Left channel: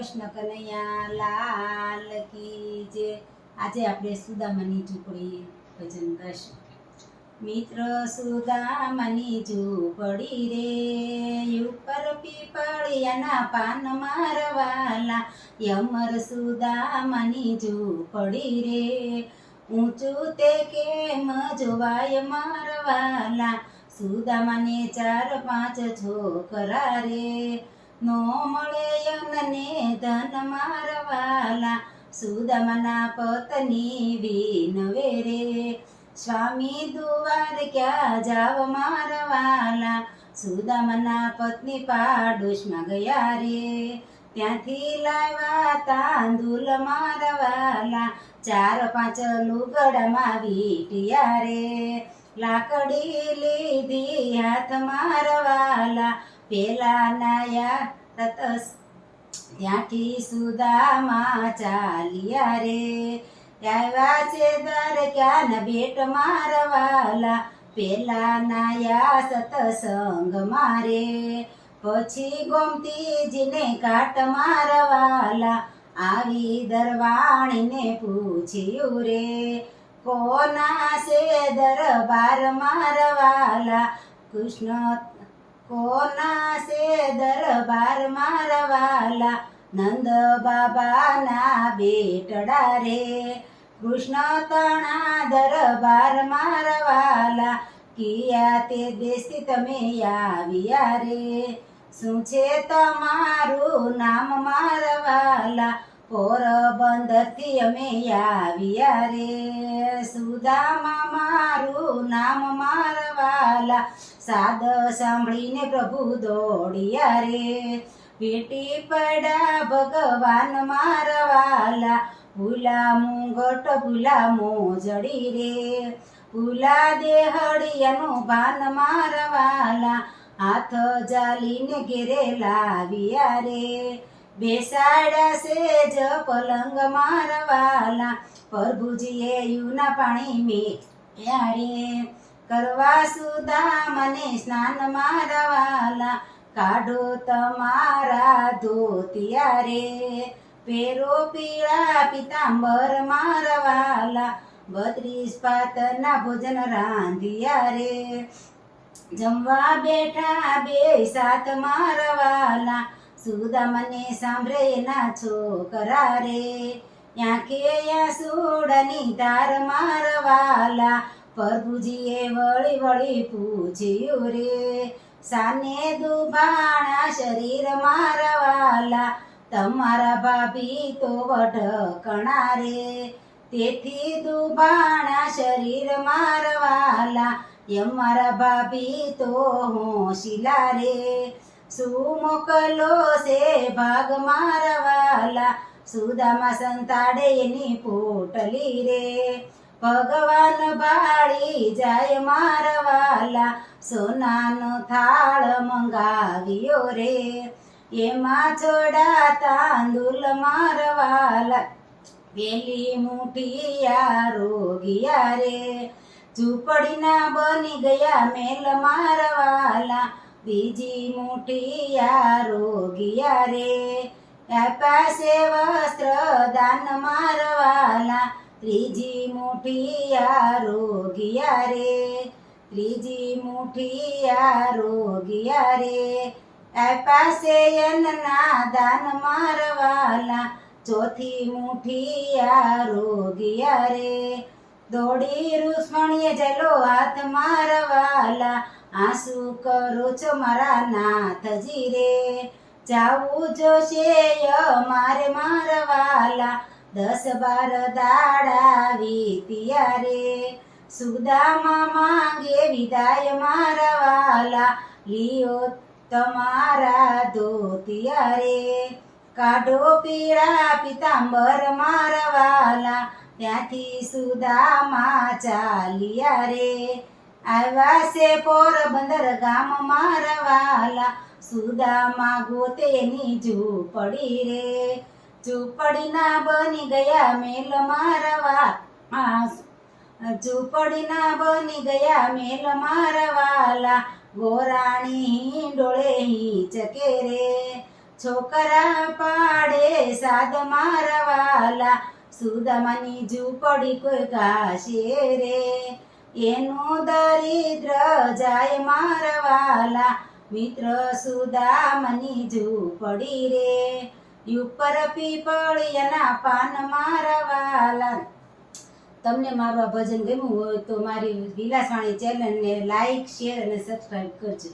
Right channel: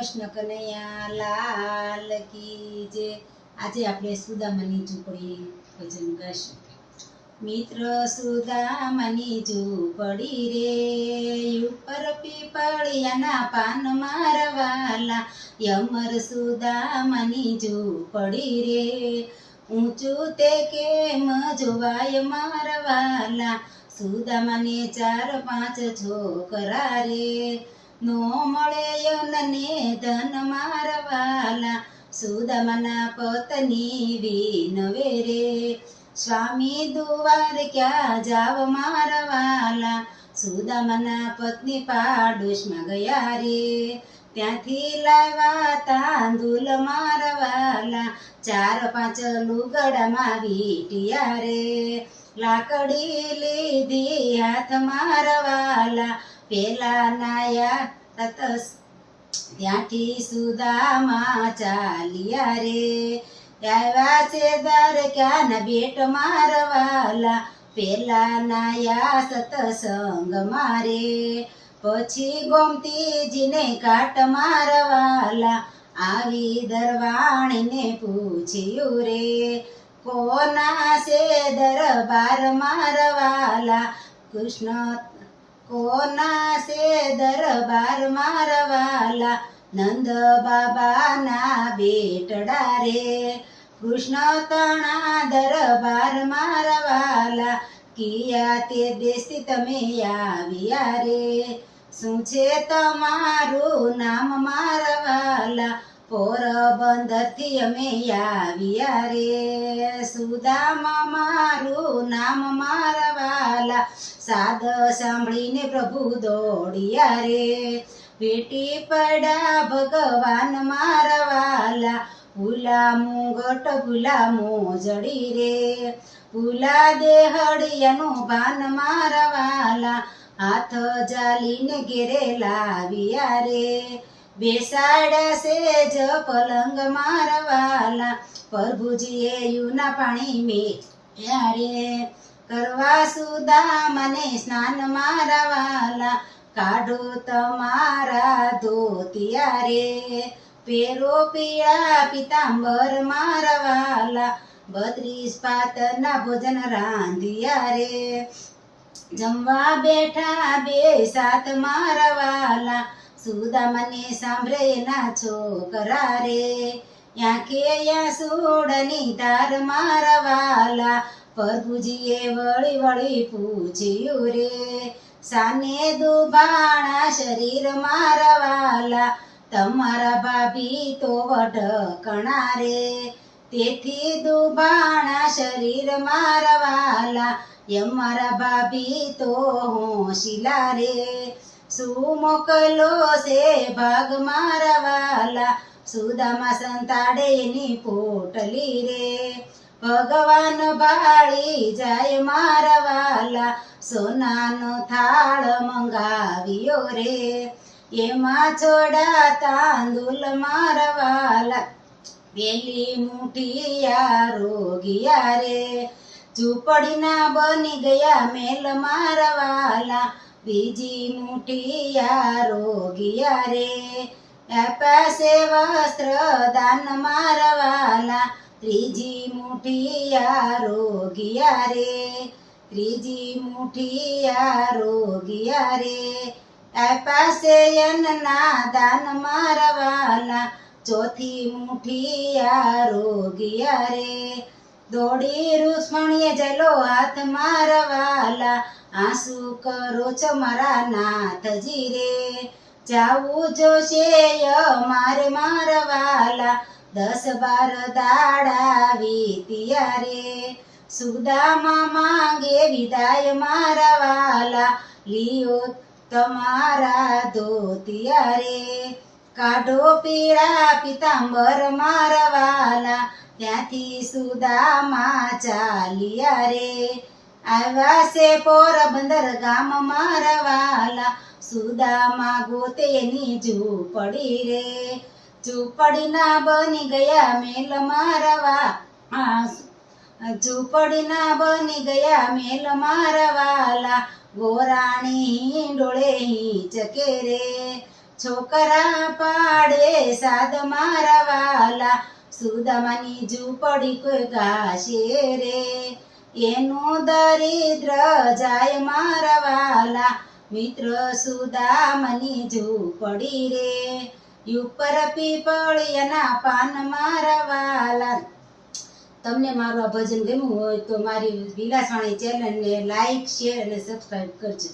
કૃષ્ણ કનૈયા લાલ કી જય। આજે આપણે સુદામાની ઝૂંપડી ભજન ગાશું। મિત્ર સુદામાની ઝૂંપડી રે, ઉપર પીપળિયાના પાન મારવાલા, યમર સુદામાની ઝૂંપડી રે, ઊંચું તે કેમ જોવાય મારવાલા, સુદામાને 4-5 છોકરા રે, નો મળે યનને ધન મારવાલા, સુદામાના પત્ની વિનવે રે, સ્વામી દુવાર ક્યાં જાવ મારવાલા, સુદામાના પત્ની પાડોશમાં ગયા રે, ત્યાંથી લાવ્યા તાંદુલ મારવાલા, 4-5 લુગડામાં વીંટ્યા રે, લાકડી લીધી હાથ મારવાલા, પેલા નાયા તતસ ત્યાંથી સુદામા ચાલ્યા રે, આવ્યા છે દ્વારકાના બેટ મારવાલા, પેલા નાયા સતસંગ મારે, પછી ગોમતીજીને કાટ મારવાલા, આવી દરવાણીને પૂછ્યું રે, કોના છે દરબાર મારવાલા, કૃષ્ણ કોના છે દરબાર મારવાલા, નંદ બાબાના બેટડા રે, કૃષ્ણ તણા દરબાર મારવાલા, કિયા તે દેશથી તમે આવ્યા રે, શું છે તમારું નામ મારવાલા, પોરબંદરથી અમે આવ્યા રે, સુદામા મારું નામ મારવાલા, સાદ સાંભળીને પ્રભુ દોડ્યા રે, ભેટી પડ્યા ભગવાન મારવાલા, ભૂલા મુંગટ ભૂલા મોજડી રે, ભૂલા દેહડિયાનું ભાન મારવાલા, હાથ જાલીને ઘેરે લાવ્યા રે, બેસાડ્યા સેજ પલંગ મારવાલા, પ્રભુજીએ યુના પાણી મેળ્યા રે, કરવા સુદામાને સ્નાન મારવાલા, કાઢો તમારા ધોતિયા રે, પેરો પીળા પિતાંબર મારવાલા, 32 પાતના ભોજન રાંધ્યા રે, જમવા બેઠા 2 સાથ મારવાલા, સુદામાને સાંભળે ના છોકરા રે, આંખે સુડની ધાર મારવાલા, પ્રભુજીએ વળી વળી પૂછ્યું રે, સાને દુભાણા શરીર મારવાલા, તમારા ભાભી તો વઢકણા રે, તેથી દુભાણા શરીર મારવાલા, અમારા ભાભી તો હોશિલા રે, શું મોકલો છે ભાગ મારવાલા, સુદામા સંતાડે એની પોટલી રે, ભગવાન ભાળી જાય મારવાલા, સોનાનો થાળ મંગાવ્યો રે, એમાં છોડા તાંદુલ મારવાલા, પેલી મુઠિયા રોગિયા રે, ઝૂંપડીના બની ગયા મેલ મારવાલા, બીજી મુઠિયા રોગિયા રે, પાસે વસ્ત્ર દાન મારવાલા, ત્રીજી મુઠિયા રોગિયા રે, ત્રીજી મુઠિયા રોગિયા રે, પાસે અન્નના દાન મારવાલા, ચોથી મુઠિયા રોગિયા રે, દોડી રૂક્ષ્મણીએ જલો હાથ મારવાલા, આંસુ કરો છો મારા નાથજી રે, જાવું જોશે મારે મારવાલા, 10-12 દાડા વીત્યા રે, સુદામા માંગે વિદાય મારવાલા, લિયો તમારા ધોતિયા રે, કાઢો પીળા પિતાંબર મારવાલા, ત્યાંથી સુદામા ચાલ્યા રે, આવ્યા છે પોરબંદર ગામ મારવાલા, સુદામા ગોતે એની ઝૂંપડી રે, ઝૂંપડીના બની ગયા મેલ મારવા, ઝૂંપડીના બની ગયા મેલ મારવાલા, ગોરાણી હિંડોળે હિંચકે રે, છોકરા પાડે સાદ મારા વાલા સુદામાની ઝૂંપડી કોઈ ગાશે રે એનું દરિદ્ર જાય મારા વાલા મિત્ર સુદામની ઝૂંપડી રે ઉપર પીપળિયાના પાન મારા વાલા. તમને મારું આ ભજન ગમ્યું હોય તો મારી વિલાસવાણી ચેનલને લાઈક શેર અને સબસ્ક્રાઈબ કરજો.